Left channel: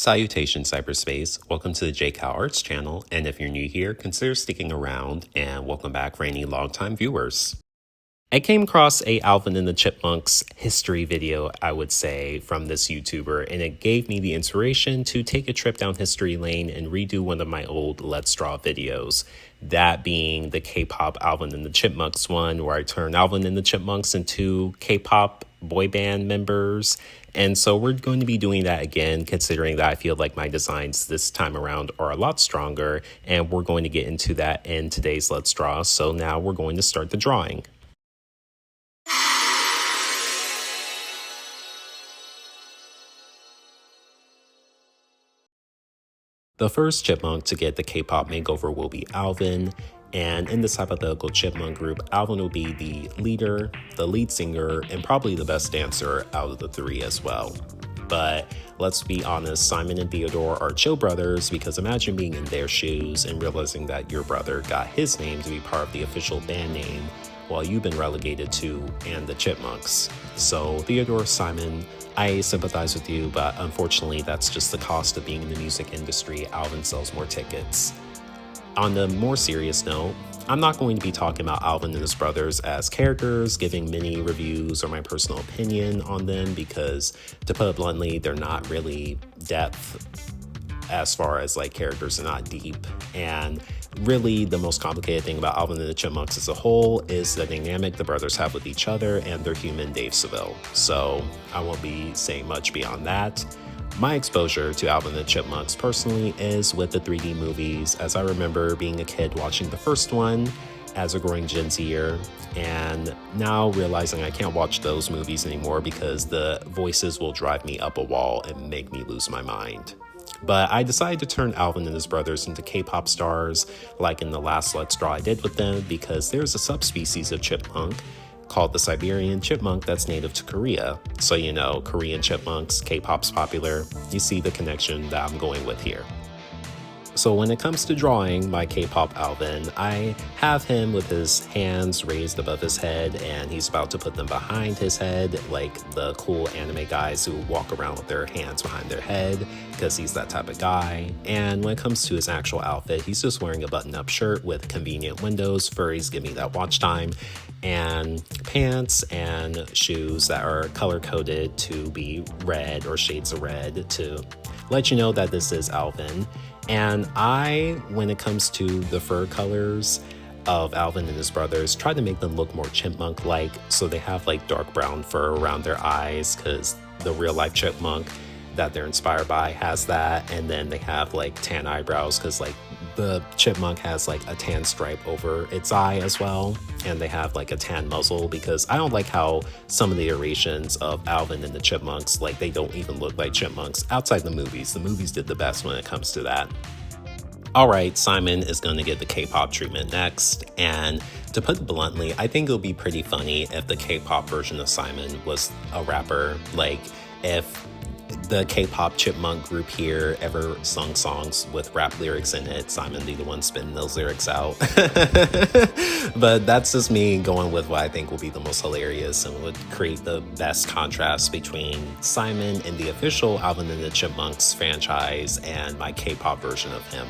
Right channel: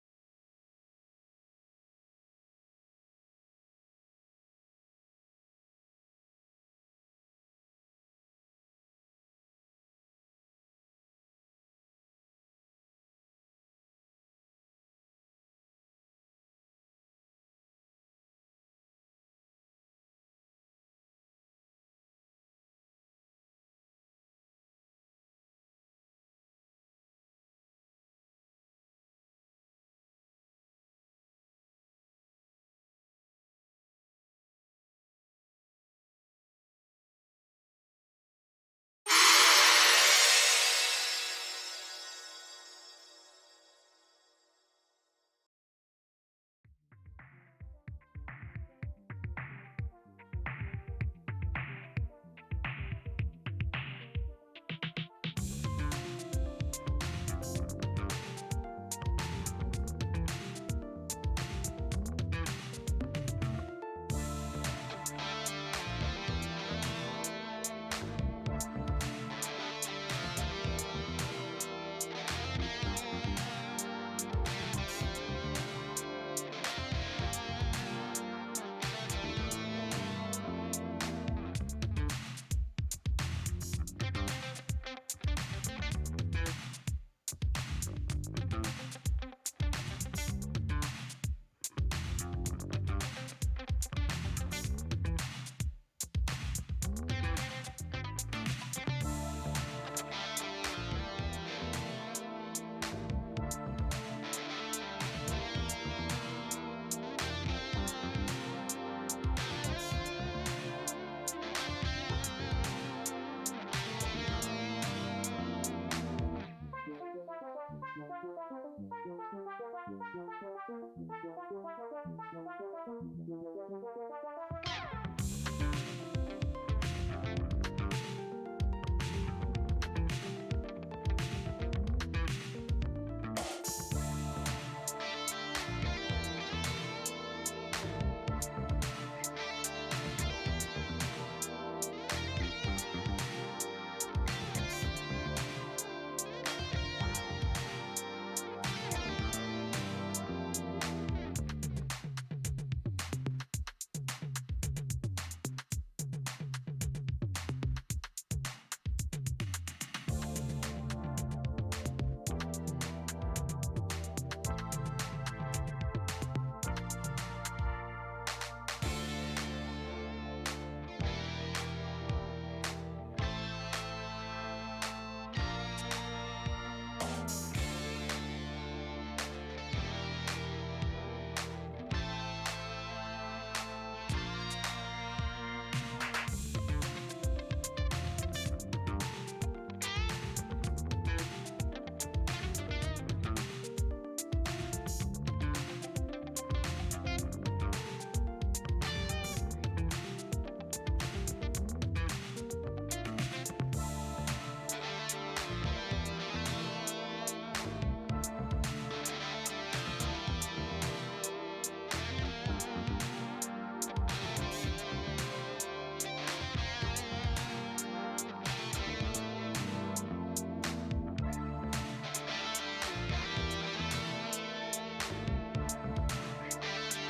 Salutations, cyberspace. Welcome to the JCal Arts channel, and if you're new here, consider sticking around, and welcome back for any longtime viewers. I came across a Alvin and the Chipmunks history video, I would say, from this YouTuber, and it gave me the inspiration to take a trip down history lane and redo one of my old Let's Draw videos. That being the K-pop Alvin and the Chipmunks one, where I turned Alvin and the Chipmunks into K-pop boy band members. And so we're going to be doing that again, considering that I feel like my designs this time around are a lot stronger, and we're going to get into that in today's Let's Draw. So now we're going to start the drawing. The first chipmunk to get the K-pop makeover will be Alvin, and in this hypothetical chipmunk group, Alvin will be the leader, the lead singer, and probably the best dancer out of the three as well. But let's be honest, Simon and Theodore are chill brothers, because imagine being in their shoes and realizing that your brother got his name to be part of the official band name while you've been relegated to and the Chipmunks. So Theodore, Simon, I sympathize with you, but unfortunately that's just the cost of being in the music industry. Alvin sells more tickets. On a more serious note, I'm not going to be talking about Alvin and his brothers as characters, giving mini reviews or my personal opinion on them, because to put it bluntly, they're not really depth as far as like characters are not deep. And really the most complicated thing about Alvin and the Chipmunks as a whole is the dynamic the brothers have with each other and their human Dave Seville. So I won't be saying much beyond that. My exposure to Alvin and the Chipmunks personally is with the 3D movies, as I remember being a kid watching the first one as a growing Gen Zer, and now realizing I can't watch those movies anymore because the voices will drive me up a wall and make me lose my mind. But I decided to turn Alvin and his brothers into K-pop stars, like in the last Let's Draw I did with them, because there's a subspecies of chipmunk called the Siberian chipmunk that's native to Korea. So, you know, Korean chipmunks, K-pop's popular. You see the connection that I'm going with here. So when it comes to drawing my K-pop Alvin, I have him with his hands raised above his head, and he's about to put them behind his head, like the cool anime guys who walk around with their hands behind their head, because he's that type of guy. And when it comes to his actual outfit, he's just wearing a button-up shirt with convenient windows, furries give me that watch time, and pants and shoes that are color-coded to be red or shades of red to let you know that this is Alvin. And when it comes to the fur colors of Alvin and his brothers, try to make them look more chipmunk-like, so they have like dark brown fur around their eyes, because the real-life chipmunk that they're inspired by has that, and then they have like tan eyebrows, because like the chipmunk has like a tan stripe over its eye as well, and they have like a tan muzzle, because I don't like how some of the iterations of Alvin and the Chipmunks, like they don't even look like chipmunks outside the movies. The movies did the best when it comes to that. Alright, Simon is going to get the K-pop treatment next, and to put it bluntly, I think it'll be pretty funny if the K-pop version of Simon was a rapper. Like, if the K-pop chipmunk group here ever sung songs with rap lyrics in it, Simon be the one spitting those lyrics out. But that's just me going with what I think will be the most hilarious and would create the best contrast between Simon and the official Alvin and the Chipmunks franchise and my K-pop version of him.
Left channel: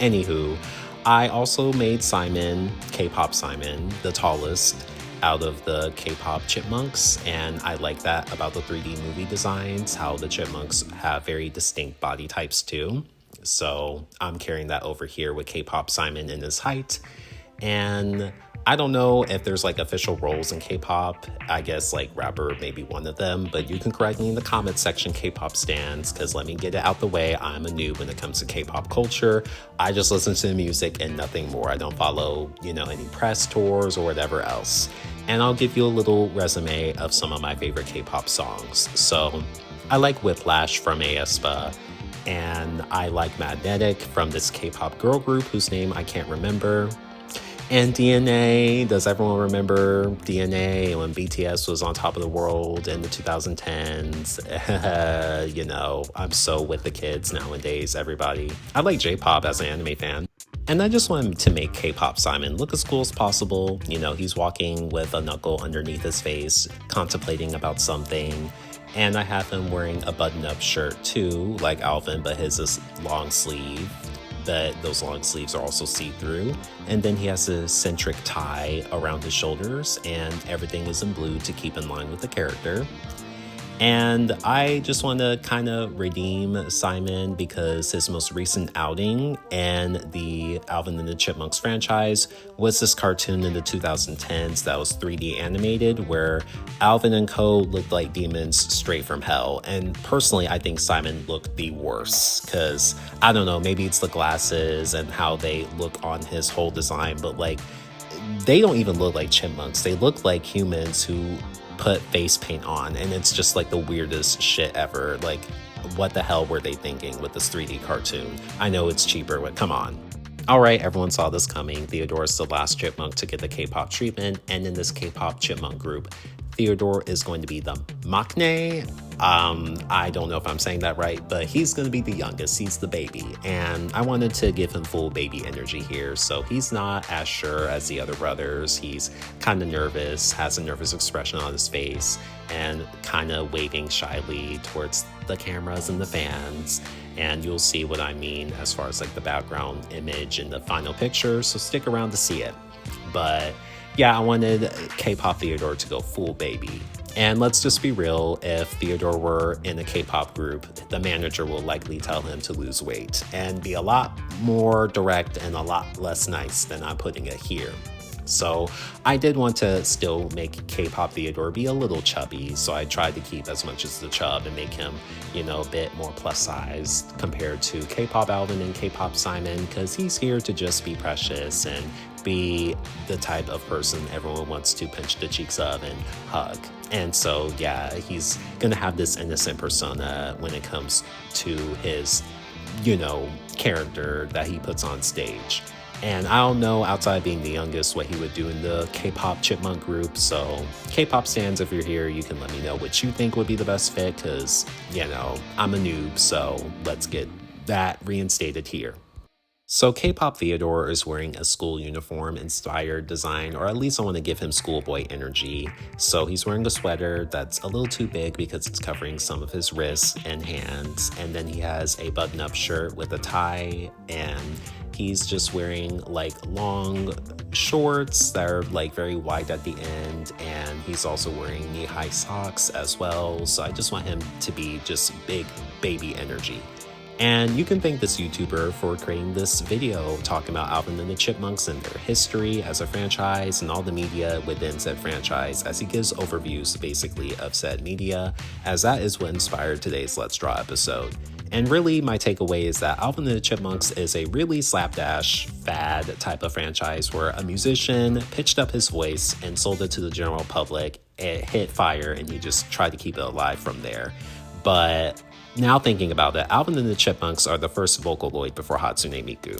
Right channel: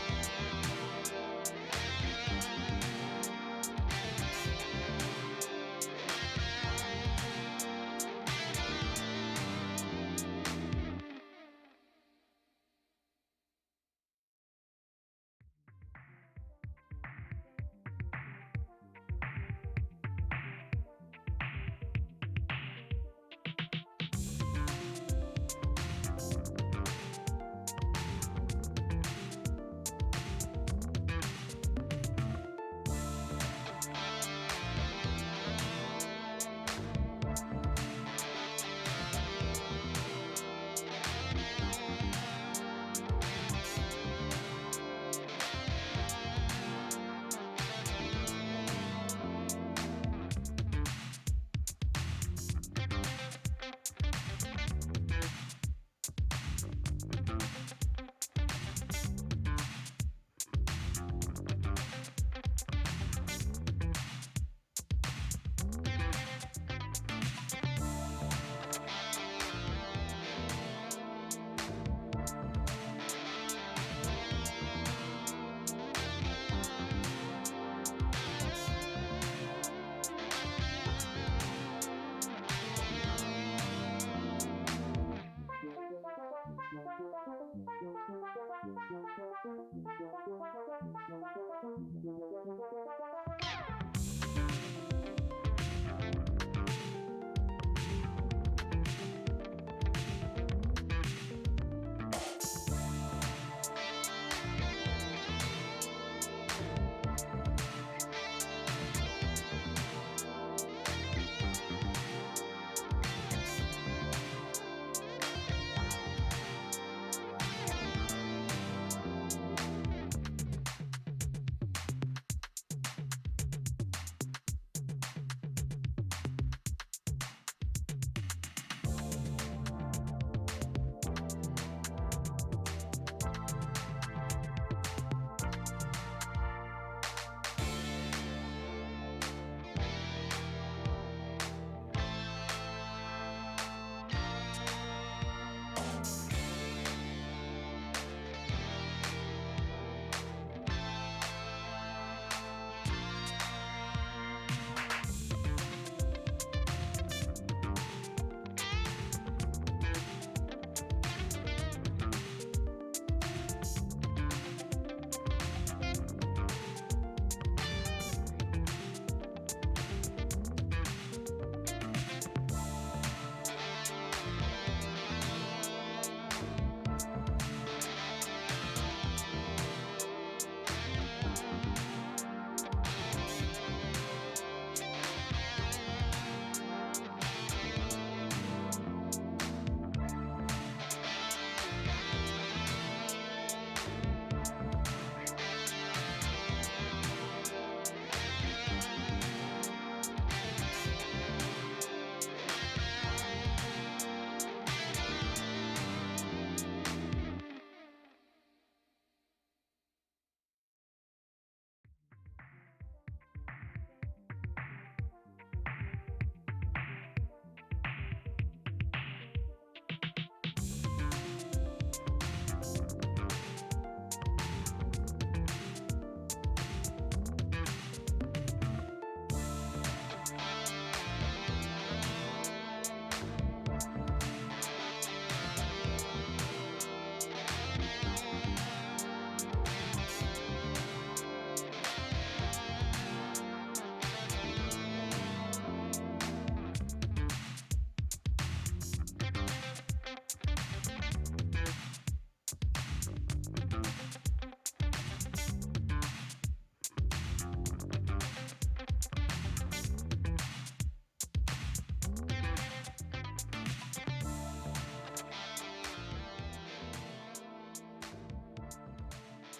Anywho, I also made Simon, K-pop Simon, the tallest out of the K-pop chipmunks, and I like that about the 3D movie designs, how the chipmunks have very distinct body types too. So I'm carrying that over here with K-pop Simon in his height. And I don't know if there's like official roles in K-pop. I guess like rapper may be one of them, but you can correct me in the comment section, K-pop stans, because let me get it out the way. I'm a noob when it comes to K-pop culture. I just listen to the music and nothing more. I don't follow, any press tours or whatever else. And I'll give you a little resume of some of my favorite K-pop songs. So I like Whiplash from aespa, and I like Magnetic from this K-pop girl group whose name I can't remember. And DNA, does everyone remember DNA when BTS was on top of the world in the 2010s? I'm so with the kids nowadays, everybody. I like J-pop as an anime fan. And I just wanted to make K-pop Simon look as cool as possible. You know, he's walking with a knuckle underneath his face, contemplating about something. And I have him wearing a button-up shirt too, like Alvin, but his is long sleeve. But those long sleeves are also see-through. And then he has a centric tie around his shoulders, and everything is in blue to keep in line with the character. And I just want to kind of redeem Simon because his most recent outing in the Alvin and the Chipmunks franchise was this cartoon in the 2010s that was 3D animated where Alvin and co looked like demons straight from hell. And personally, I think Simon looked the worst because, I don't know, maybe it's the glasses and how they look on his whole design, but like, they don't even look like chipmunks. They look like humans who put face paint on, and it's just like the weirdest shit ever. Like, what the hell were they thinking with this 3D cartoon? I know it's cheaper, but come on. Alright, everyone saw this coming. Theodore is the last chipmunk to get the K-pop treatment, and in this K-pop chipmunk group, Theodore is going to be the maknae. I don't know if I'm saying that right, but he's going to be the youngest. He's the baby, and I wanted to give him full baby energy here. So he's not as sure as the other brothers. He's kind of nervous, has a nervous expression on his face, and kind of waving shyly towards the cameras and the fans. And you'll see what I mean as far as like the background image in the final picture, so stick around to see it. But yeah, I wanted K-pop Theodore to go full baby. And let's just be real, if Theodore were in a K-pop group, the manager will likely tell him to lose weight and be a lot more direct and a lot less nice than I'm putting it here. So I did want to still make K-pop Theodore be a little chubby, so I tried to keep as much as the chub and make him, you know, a bit more plus size compared to K-pop Alvin and K-pop Simon, because he's here to just be precious and be the type of person everyone wants to pinch the cheeks of and hug. And so, yeah, he's gonna have this innocent persona when it comes to his, you know, character that he puts on stage. And I don't know, outside being the youngest, what he would do in the K-pop chipmunk group. So K-pop stands, if you're here, you can let me know what you think would be the best fit, because, you know, I'm a noob, so let's get that reinstated here. So K-pop Theodore is wearing a school uniform inspired design, or at least I want to give him schoolboy energy. So he's wearing a sweater that's a little too big because it's covering some of his wrists and hands. And then he has a button-up shirt with a tie, and he's just wearing like long shorts that are like very wide at the end. And he's also wearing knee-high socks as well. So I just want him to be just big baby energy. And you can thank this YouTuber for creating this video talking about Alvin and the Chipmunks and their history as a franchise and all the media within said franchise, as he gives overviews basically of said media, as that is what inspired today's Let's Draw episode. And really, my takeaway is that Alvin and the Chipmunks is a really slapdash fad type of franchise where a musician pitched up his voice and sold it to the general public. It hit fire, and you just try to keep it alive from there. But now thinking about it, Alvin and the Chipmunks are the first Vocaloid before Hatsune Miku.